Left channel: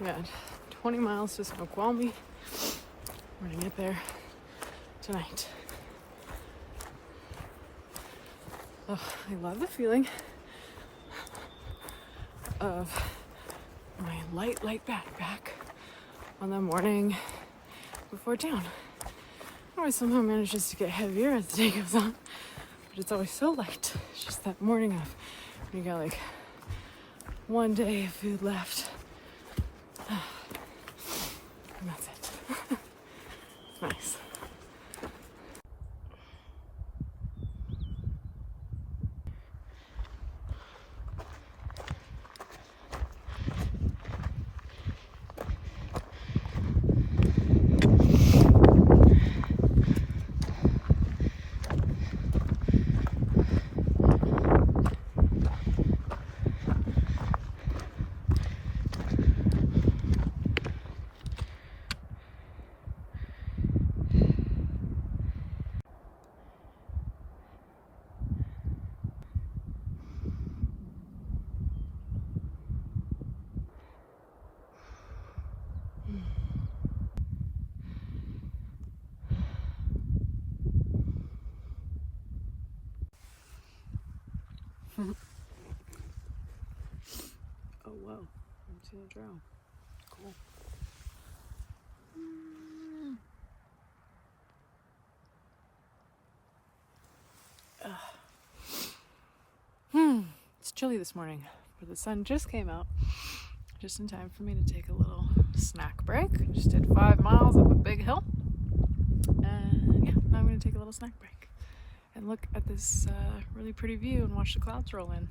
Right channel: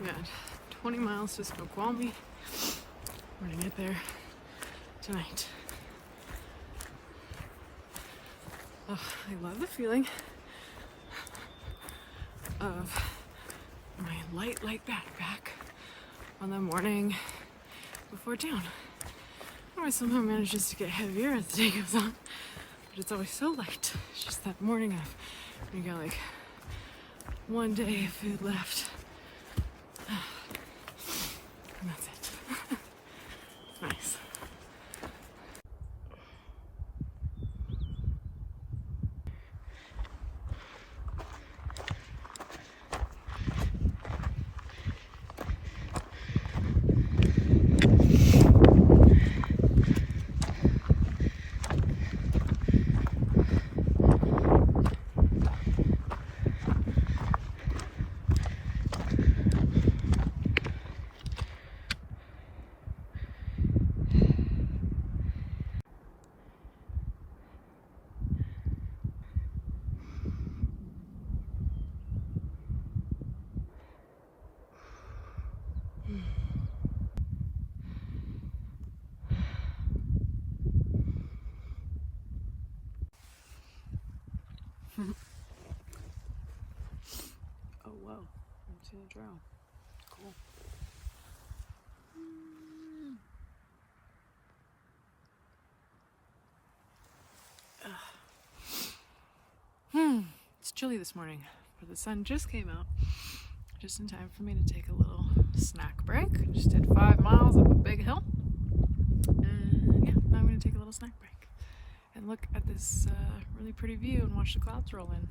We got 20 miles to Snoqualmie. We're gonna get there tonight. Oh, I love the feeling of my light backpack on the morning before town. It always somehow manages to get heavier as the day goes on, but it's always so light. It's just that morning of when you got like one day of food left. And that's it. It's nice. Oh wow, I'm seeing a drow. Cool. It's chilly this morning, but the sun just came out just in time for me to take a little snack break. I just did 5 miles up a big hill, and yeah, now I'm going to take a little snack break and look at this really pretty view and watch the clouds roll in.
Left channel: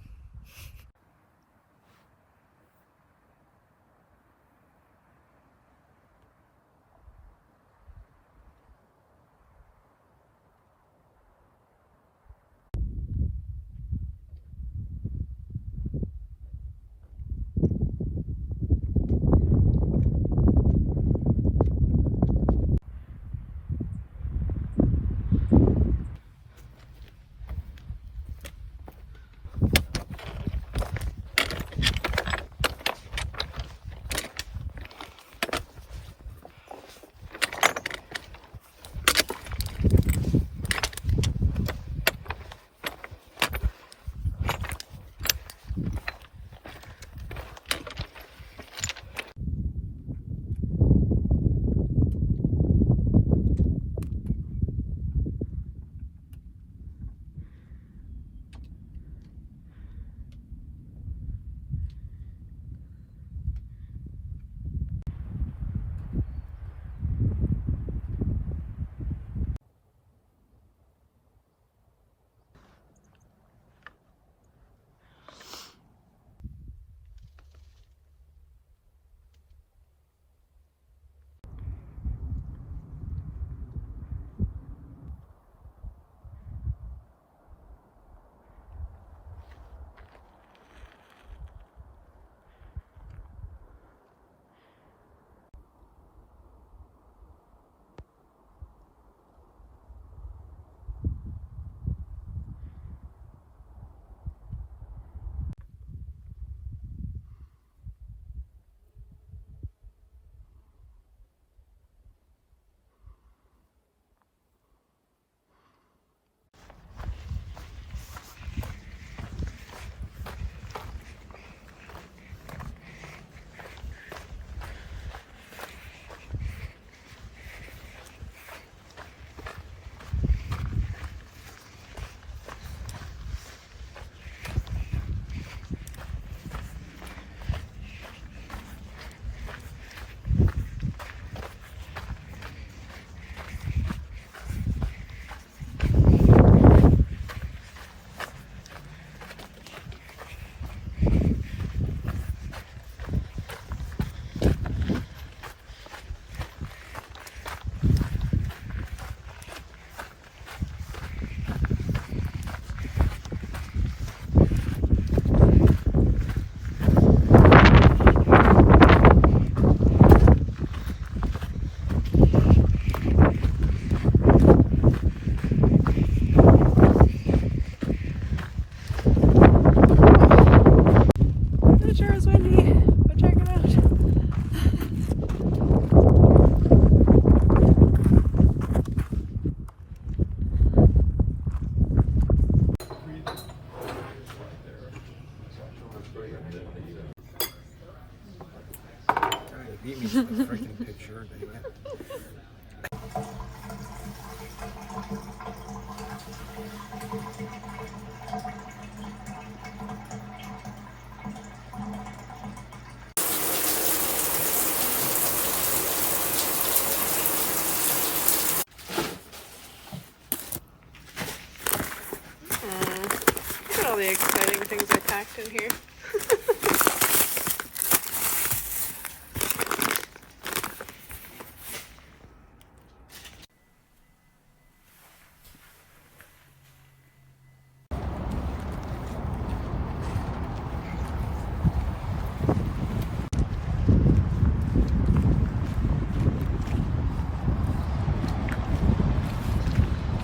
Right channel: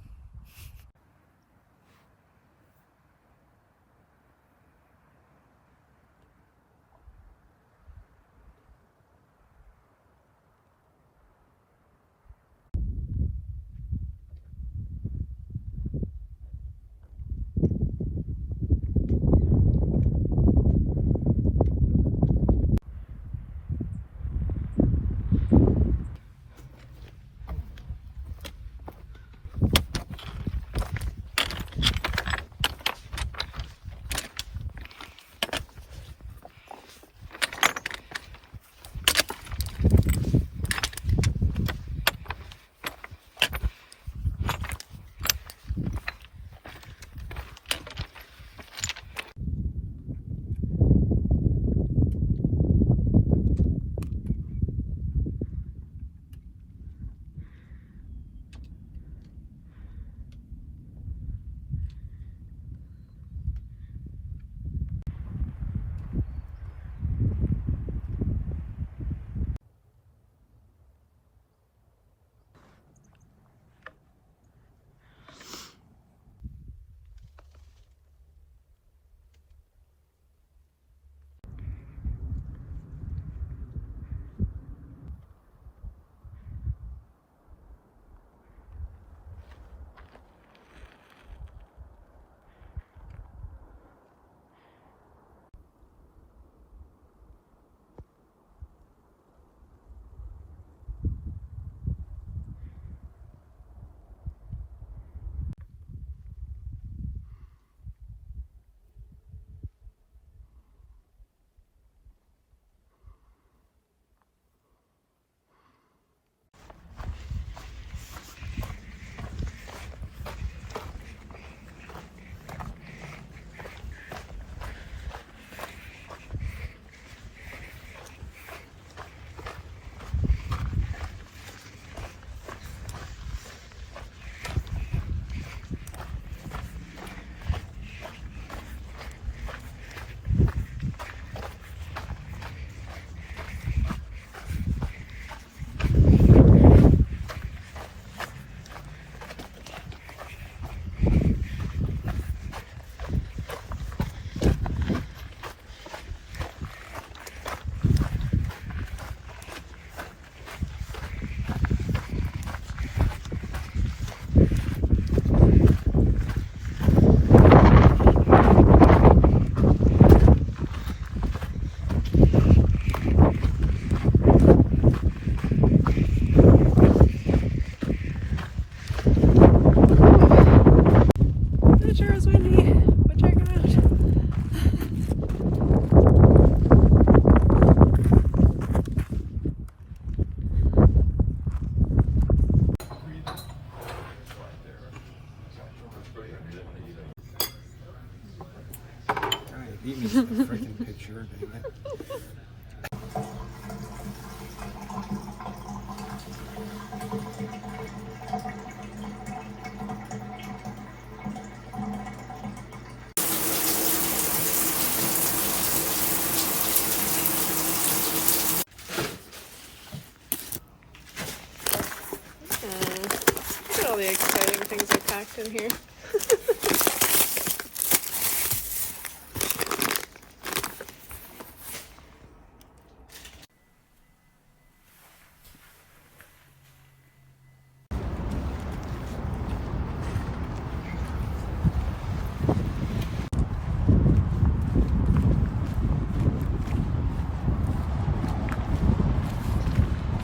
tucked in here.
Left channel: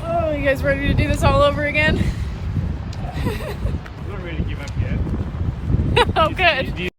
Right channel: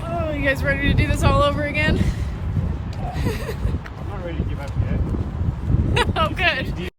Oh, you guys ready to do this all over again? I'm not ready to give up yet. Oh, good.